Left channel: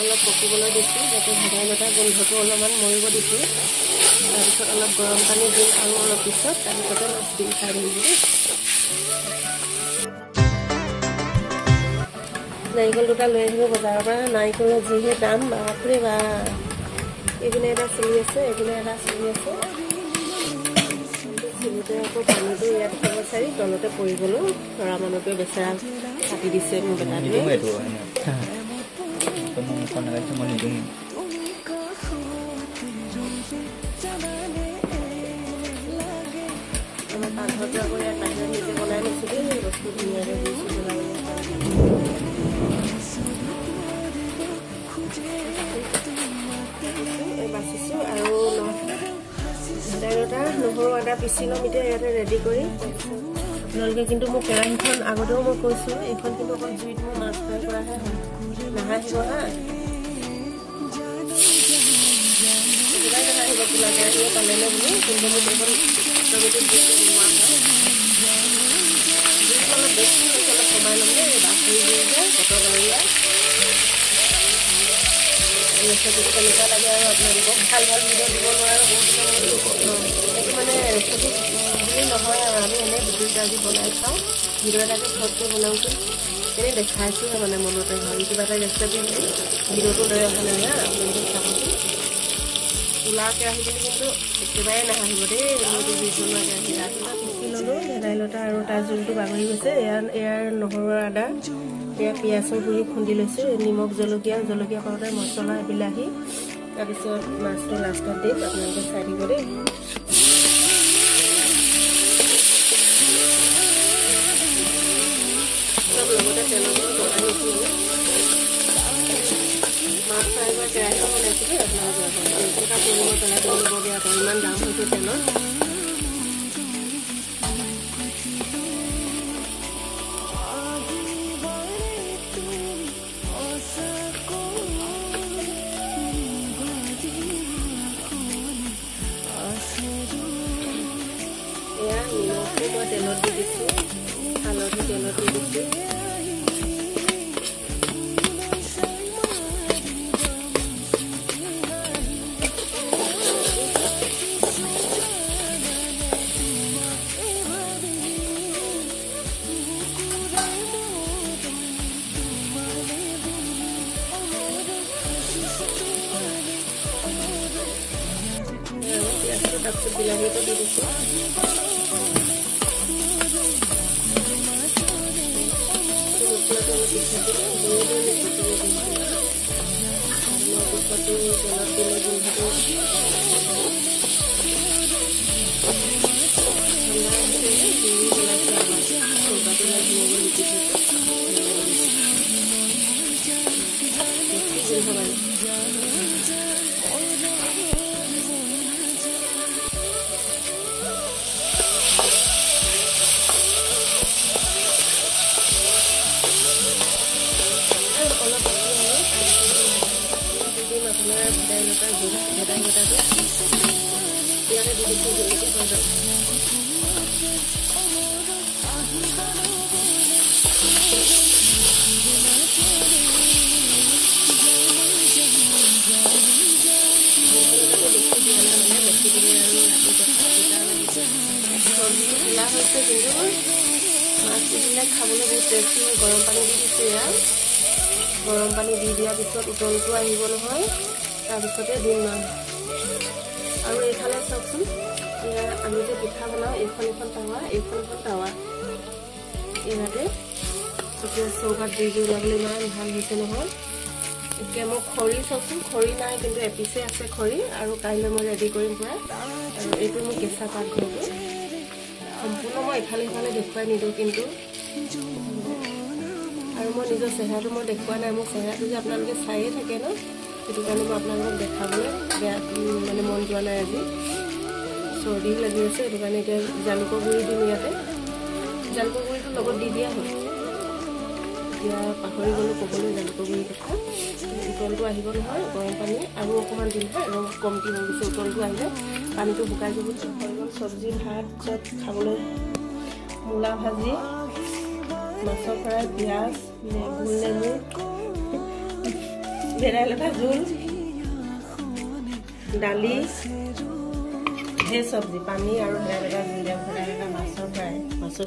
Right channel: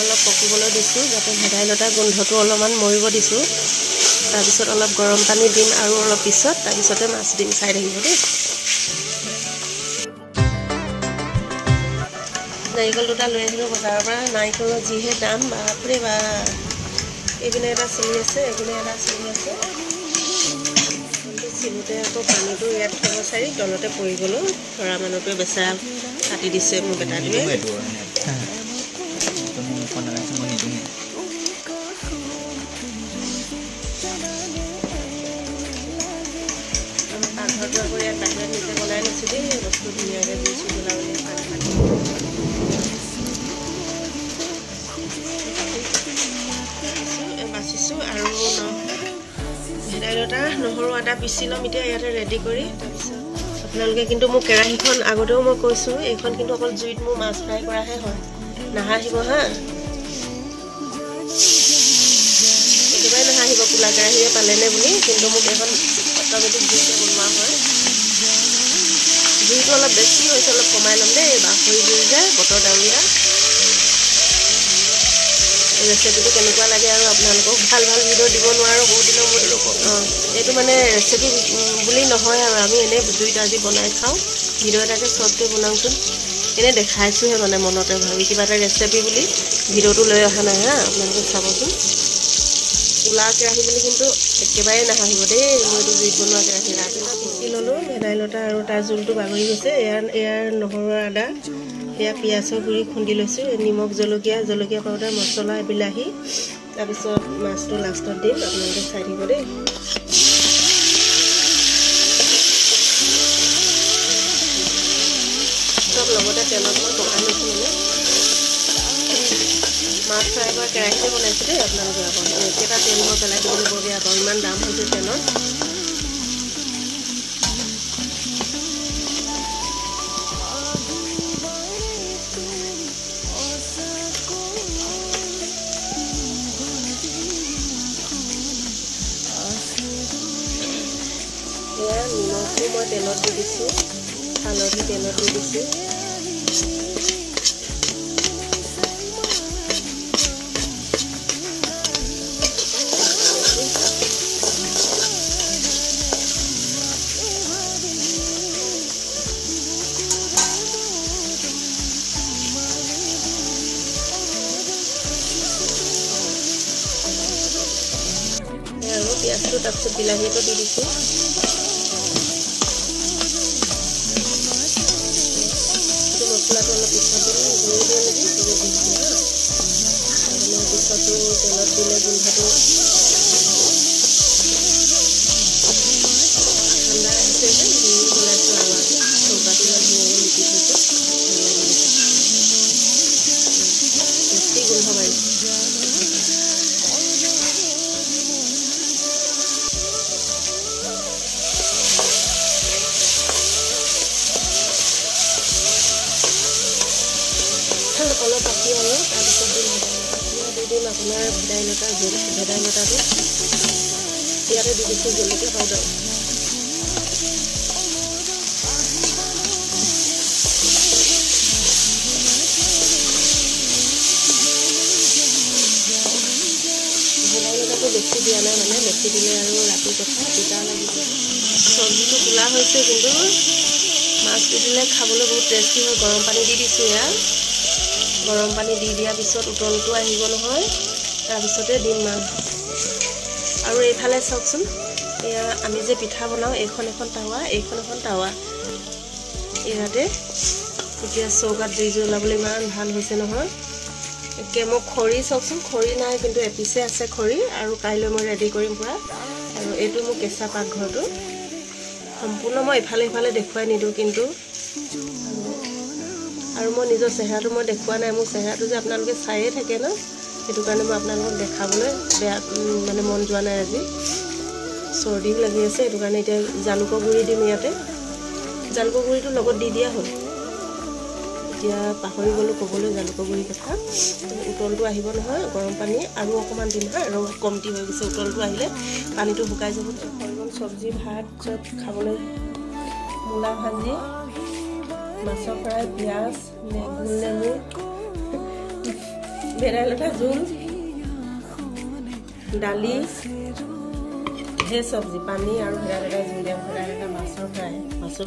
অলপ পকিবলৈ দিছোঁ যাতে ভেদাইলতা গোন্ধটো অলপমান মৰিব দিছোঁ তাৰপিছত অলপ গৰম পানী দিম আৰু অলপ পিছত তাৰপিছতে মাছ দিম চাই থাকিব দেই নাৰিকল দুটা লৈ আহিলোঁ বজাৰৰ পৰা নাৰিকলৰ যিহে দাম বাপৰে বা এইপিনে এটা চলি আছে এইপিনে এটা চলি আছে চিলোতে আকৌ পানীটো ইয়াত থ'ব চাৰি তলতে পৰি গ'লোঁ ল'ৰা মানুহটোৱে বেচেৰা কাটি দিছে মোৰ বেটাটোৱে আমাৰ পাকঘৰটো আকৌ ইয়াত বাহিৰত নিজে বনাই লৈছোঁ দেই বস্তু ধুনীয়াকৈ দিছোঁ জ্বলাবলৈ পানী বাচিছোঁ আৰু ভেদাইলতা নহৰু আদা পিচি ল'ম এতিয়া ইয়াতে ৰেডি কৰি তাৰপিছত আপোনালোকে কিন্তু মোৰ কেৰাহীখন আগতেও মই কৈছোঁ এইখন কিন্তু অকল জুইত মোৰ মাছ ফ্ৰাই কৰাহে হয় নাহাঁহিব হা একেবাৰে নাহাঁহিব কোলা কেৰাহীয়ে পালেনে বুলি কিন্তু মোক এইখন অট'মেটিক জুইতে বনোৱা হয় জুইটো অলপ বেছি হৈছে অলপ কমাই ল'ম দেই বাঁহৰি জুই যে বতৰ ডাৱৰীয়া ৰেচিপিটো কেনেকুৱা লাগে আৰু আপোনালোকক ভাল ভাল ভিডিঅ' দিব নোৱাৰোঁ বহুত দিনৰ এইটো মানে ৰেচিপি বুলি নহয় আৰু আমি এনেই জুইত আজি বনাই খাওঁ ভিডিঅ' এটাকে চবকৈ বনাওঁচোন এনেই দেখাইছোঁহে মানে মনতে ভাবি কিবা এটা ৰেচিপি বুলি ভিডিঅ'টো লৈ অহা নহয় হা আপোনালোকে চাবচোন কোলা কেৰাহী বুলি কিন্তু একেবাৰে নাহাঁহিব দেই মইতো জুইত বনোৱা কেৰাহী পিচি ল'লোঁ ভেদাইলতা আৰু তাৰ জোলটো বাগৰি গৈছে এয়াৰ নহৰু আদা এয়া পিঁয়াজৰ গুড়ি খুন্দি লৈছোঁ নিমখ জলকীয়া পাউডাৰ মছলা বিলাহী তাৰপিছত মাছটো লাষ্টত দিম আপোনালোকে চাই দিব দেই চব লগতে তেলত বনাই লৈছোঁ মাছ ফ্ৰাই কৰা কেৰাহীখন বনাইছোঁ দেই আপোনালোকে একেটা তেল মই পেলাই দিবলৈ বৰ বেয়া পাওঁ ইমান দাম হৈছে তেলৰ নিমখটো মই তেলত দি দিছোঁ হালধি তেলত দি দিছোঁ পিঁয়াজটো তাৰপিছত বিলাহীটো দি দিছোঁ মছলাটো অলপ পিছত দিলে গুড়ি দিওঁ নেকি পিছতো তেলত দিলে গোন্ধটো ঠাণ্ডা আহিছে যে গুড়ি পেলাইছোঁ আৰু চৌকাটো ধুনীয়াকৈ লিপি থৈছোঁ বেছি গোন্ধ মাৰি অলপ বাকি আৰু তাৰপিছত দিম আপোনাৰ ভেদাইলতাটো ইয়াতে দি দিছোঁ জলকীয়া পাউডাৰ ভেদাইলতাটো বেছি দিয়া নাই মানে বেছি দিলে আৰু ৰাতি কথা তিতা লাগিছে চব্জিটো কোলা হৈছে কিন্তু মাছ দিলে খাবলৈ বহুত টেষ্টি হয় গৰম পানী দি দিছোঁ ইয়াত গৰম পানী দি দিয়াৰ পিছত উতলটো আহিব নহয় তাৰপিছতে দিম মাছ আৰু এইফালে চাওকচোন এয়া আমি যে পিঠা বনাওঁ এইখন টাৱা ইয়াতে এতিয়া চৌকাত জুই জ্বলাবলৈ ইমান ভাল হৈছে নহয় এতিয়া মই খৰি চাওকচোন খৰি নাই কিন্তু এপিছে আছে খৰি আৰু কাইলৈ মই ৰেডি কৰিম পূৰা আৰু এইটো মোৰ কেঁচা পাকঘৰটো সম্পূৰ্ণ মই ইফালে সিফালে দেখুৱাই নিদিওঁ কিন্তু আৰু মই নিজৰ চেহেৰাটো মই দেখুৱা নাই মোৰ চেহেৰাটো যে আপোনালোকে চায়ে থাকে ন সেইটো কাৰণে মই আপোনালোকক দেখাবলৈ বেয়া মানে মন যোৱা নাই আজি চৰ্দিও লাগি আছে সেইটো কাৰণে এতিয়া জালুকৰ গুড়ি দিম ইয়াতে জালুকৰ গুড়িটো লগত দি দিয়া হ'ল এতিয়া পাহৰি গ'লোঁ ক'বলৈ জালুকৰ গুড়ি কথা উতলটো আহিব নহয় গৰম পানী আৰু অকণমান দিম হা ৰং কমটি হৈ গৈছে উতলটো আহিলে পানীটো শুকাই যাব হৈ গ'ল চব্জি ভাত চব খাবলৈ মূলা ভাজি মাছৰ ফ্ৰাই পিঁয়াজ গোল নেমু ভেদাইলতা জোল দালি হে চব্জি পানী আৰু ভেদাইলতা জোল দিয়া ভেদাইলতা মাছৰ ফ্ৰাই মাছৰ